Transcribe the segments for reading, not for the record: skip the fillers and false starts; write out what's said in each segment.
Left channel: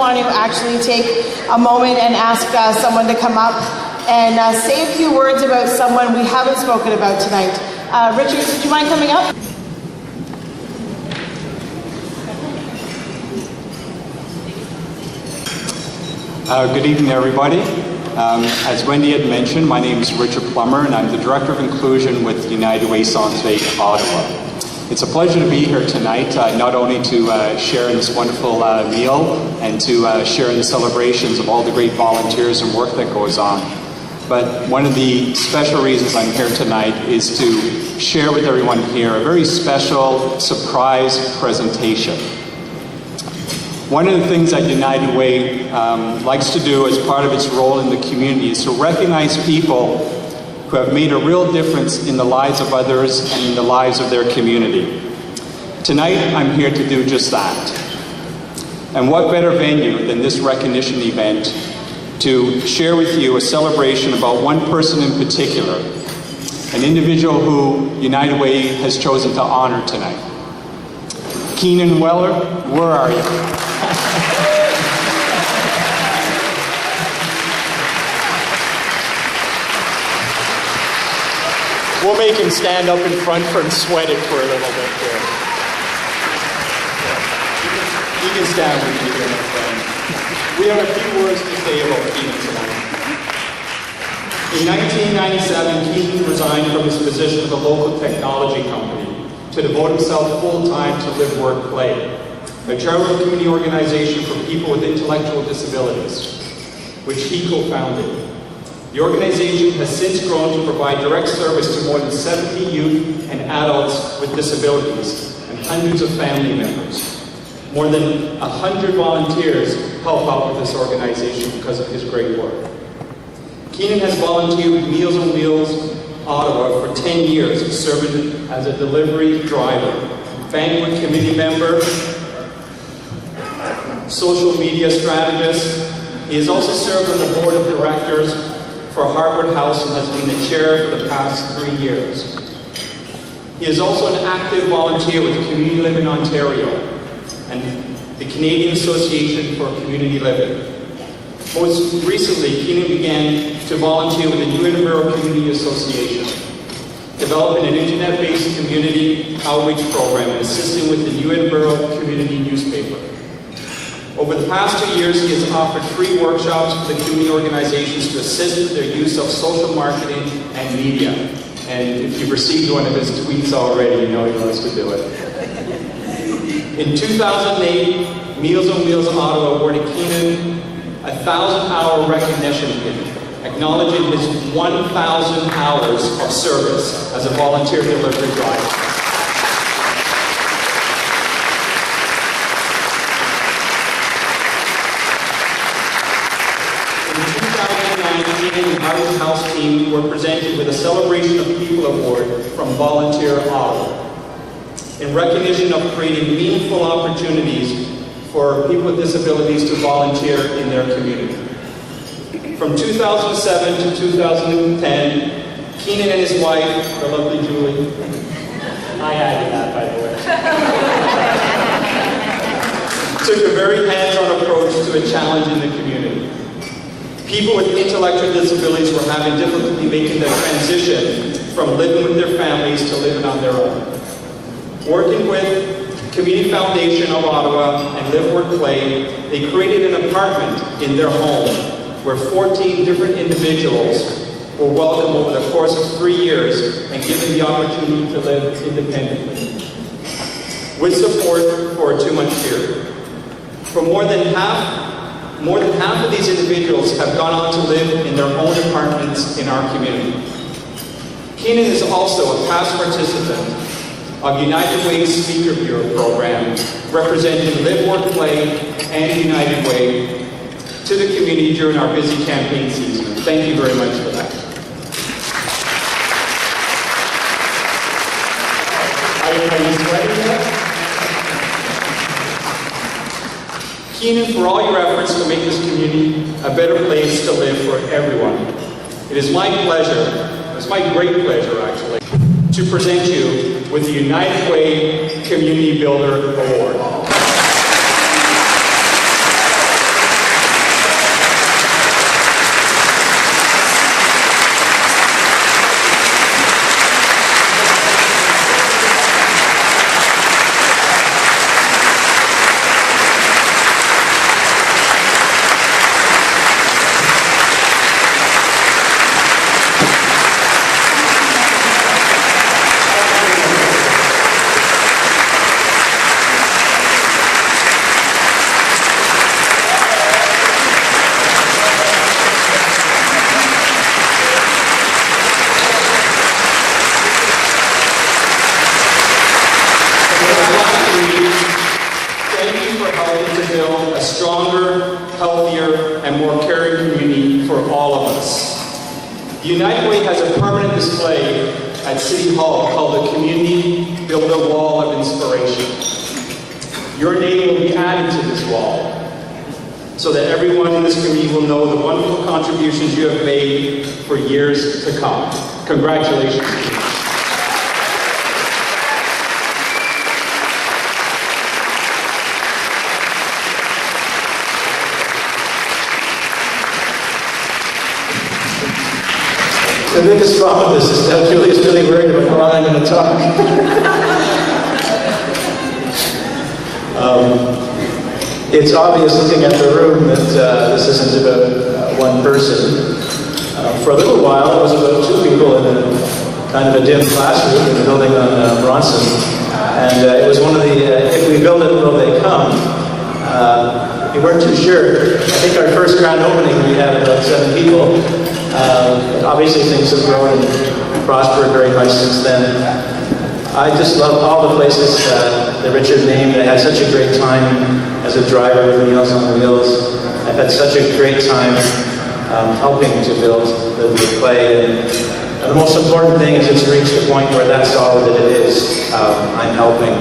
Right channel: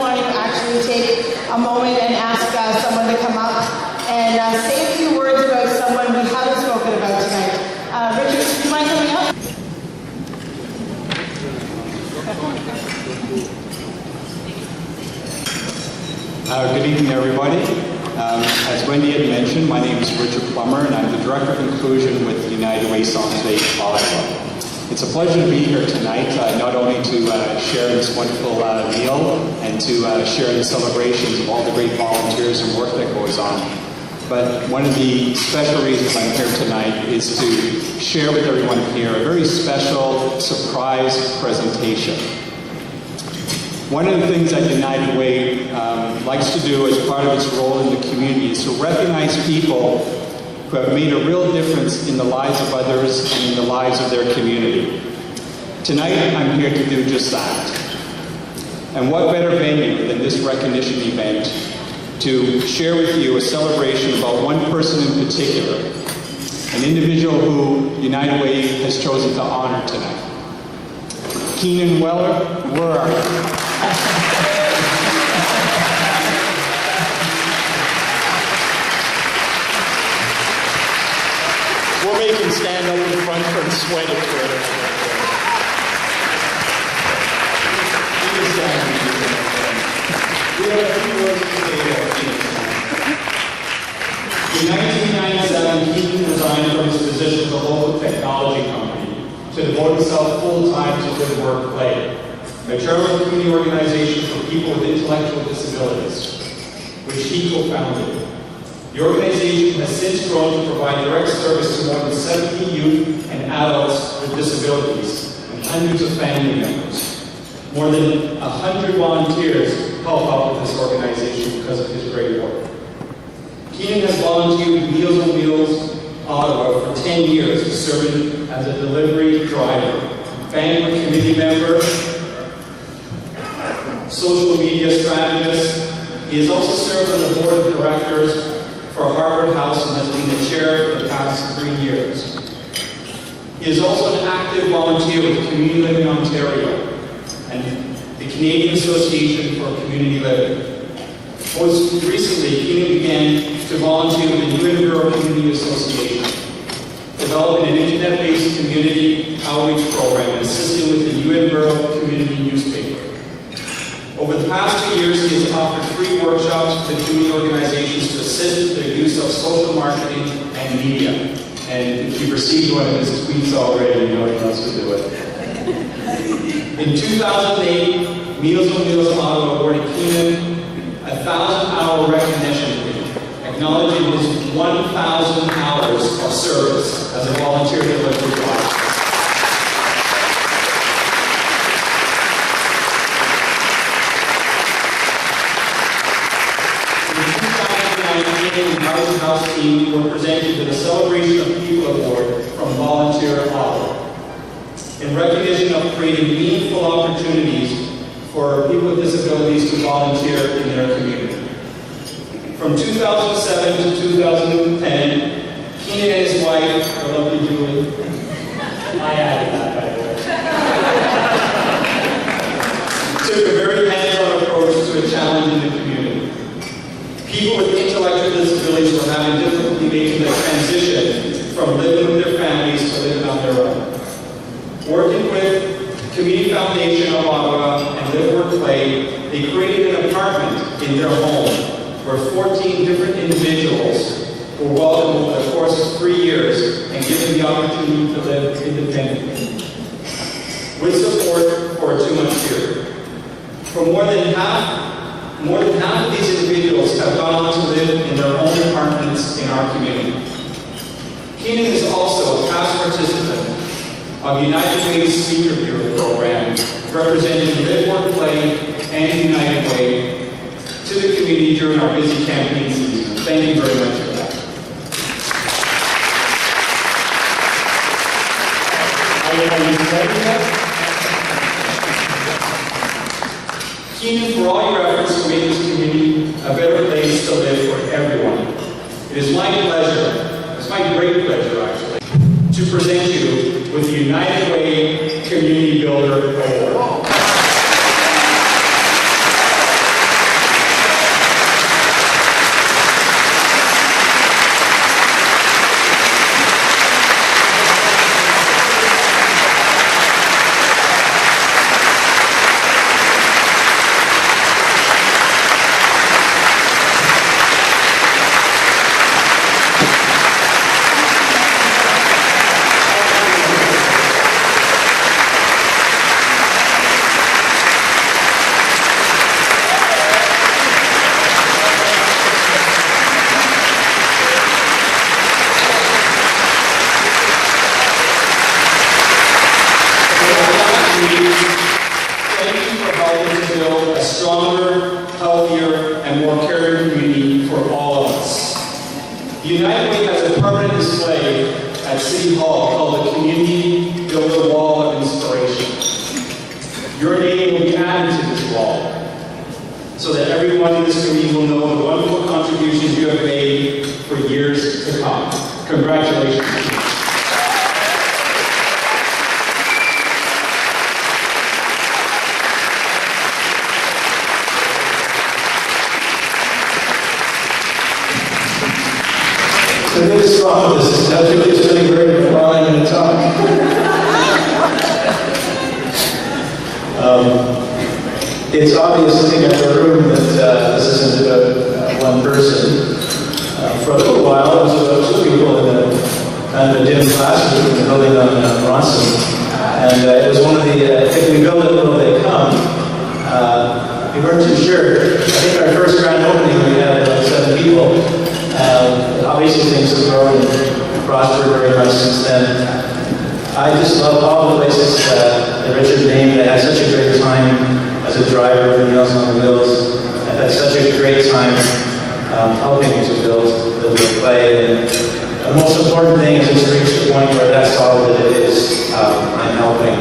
want to actually take a moment and ask someone to come up and say a few words about someone we haven't spoken about tonight. Richard, do you mind coming up? Good evening, everybody. As Wendy had mentioned, my name is Richard Plummer, and I'm the Director of Inclusion with United Way Santé Ottawa. It's a pleasure to be here tonight, not only to share in this wonderful meal and to share in the celebrations of all the great volunteers and work that goes on, but one of the special reasons I'm here tonight is to share with everyone here a very special surprise presentation. One of the things that United Way likes to do as part of its role in the community is to recognize people who have made a real difference in the lives of others and in the lives of their community. Tonight, I'm here to do just that. And what better venue than this recognition event to share with you a celebration about one person in particular, an individual who United Way has chosen to honor tonight. Keenan Wellar, where are you? We'll make him stand up in front for and sweat it for a little bit. You can stand. We have a few words to say about Keenan tonight. In 1997, Keenan resigned from his position with a local technology company to devote himself full-time to LiveWorkPlay, a charitable community organization for people with intellectual disabilities, which he co-founded. The organization has since grown to provide direct service to more than 70 youth and adults with disabilities and hundreds of family members. More than 100 volunteers help out with this organization because of his great work. Keenan has volunteered with Meals on Wheels Ottawa for 10 years, serving as a delivery driver, banquet committee member, social media strategist. He has also served on the board of directors for Harvard House and has been the chair for the past 3 years. He is also an active volunteer with Community Living Ontario and the Canadian Association for Community Living. Most recently, Keenan began to volunteer with the New Edinburgh Community Association, developing an internet-based community outreach program and assisting with the New Edinburgh Community newspaper. Over the past 2 years, he has offered free workshops to community organizations to assist with their use of social marketing and media. And if you've received one of his tweets already, you know he wants to do it. In 2008, Meals on Wheels Ottawa awarded Keenan a 1,000-hour recognition, acknowledging his 1,000 hours of service as a volunteer delivery driver. The Harvard House team were presented with a Celebration of People Award from Volunteer Ottawa in recognition of creating meaningful opportunities for people with disabilities to volunteer in their community. From 2007 to 2010, Keenan and his wife, the lovely Julie, I added that by the way, took a very hands-on approach to a challenge in the community. People with intellectual disabilities were having difficulty making the transition from living with their families to living on their own. Working with Community Foundation of Ottawa and LiveWorkPlay, they created an apartment in their home where 14 different individuals were welcomed over the course of 3 years and given the opportunity to live independently, with support for a 2-month period. For more than half of these individuals have gone on to live in their own apartments in our community. Keenan is also a past participant of United Way's Speaker Bureau program, representing LiveWorkPlay and United Way to the community during our busy campaign season. Thank you very much for that. Keenan, for all your efforts to make this community a better place to live for everyone, it is my pleasure, it's my great pleasure actually, to present you with the United Way Community Builder Award. wall of inspiration. Your name will be added to this wall, so that everyone in this community will know the wonderful contributions you have made for years to come. Congratulations. The biggest problem with this is that Julie's really worried about how I'm going to talk. It's obvious looking at the room that this isn't about one person. For a little while, it was about two people in a kind of a dim classroom in the building on Bronson. And it was one of the, if we build it, will they come? We weren't too sure. I think our first grand opening, we had about 7 people. Obviously, things have grown and prospered very much since then. I just love all the places that Richard named. I had such a great time as a driver of Meals on Wheels. I've had such a great time helping to build LiveWorkPlay. And the most important thing is it's reached the point where that's all that it is. I'm helping,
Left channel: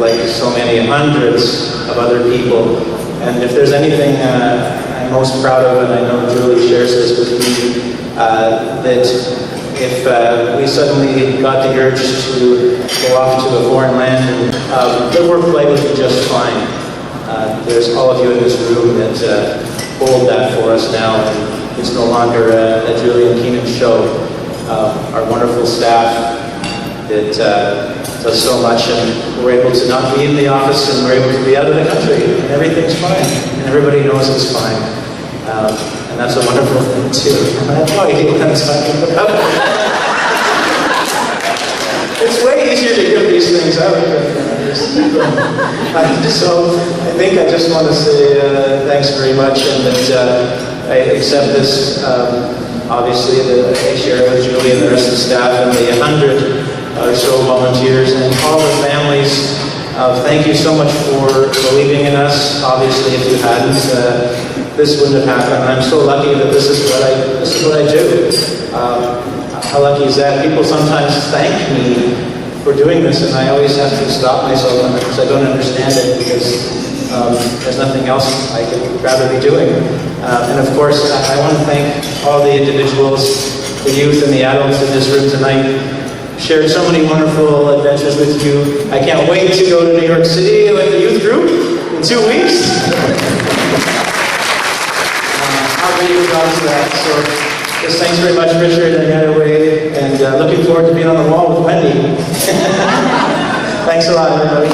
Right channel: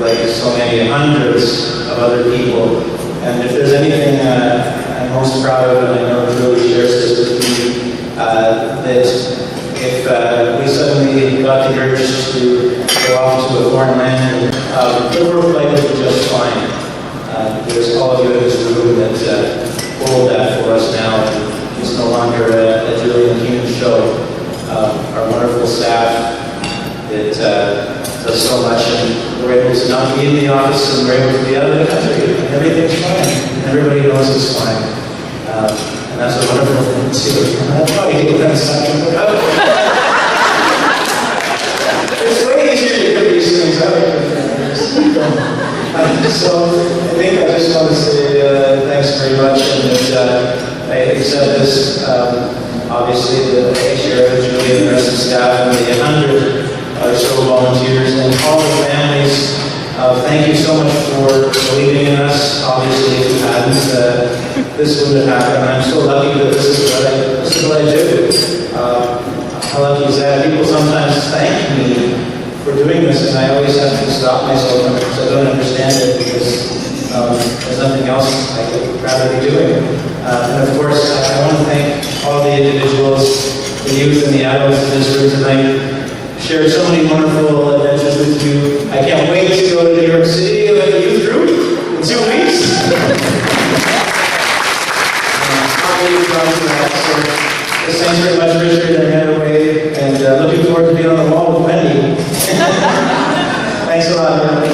like so many hundreds of other people. And if there's anything I'm most proud of, and I know Julie shares this with me, that if we suddenly got the urge to go off to a foreign land, LiveWorkPlay would be just fine. There's all of you in this room that hold that for us now. It's no longer a Julie and Keenan show. Our wonderful staff that does so much, and we're able to not be in the office, and we're able to be out of the country, and everything's fine. And everybody knows it's fine. And that's a wonderful thing too. That's why I hate that talking about it. It's way easier to get these things out. So I think I just want to say thanks very much, and that I accept this. Obviously, the chair, Julie, and the rest of the staff, and the 100 or so volunteers, and all the families. Thank you so much for believing in us. Obviously, if you hadn't, this wouldn't have happened. I'm so lucky that this is what I do. How lucky is that? People sometimes thank me for doing this, and I always have to stop myself because I don't understand it, because there's nothing else I could rather be doing. And of course, I want to thank all the individuals, the youth and the adults in this room tonight. Shared so many wonderful adventures with you. I can't wait to go to New York City with the youth group in 2 weeks. I'll be down to that. So, just thanks very much, Richard, and Heatherway, and looking forward to being on the wall with Wendy. Thanks a lot, everybody.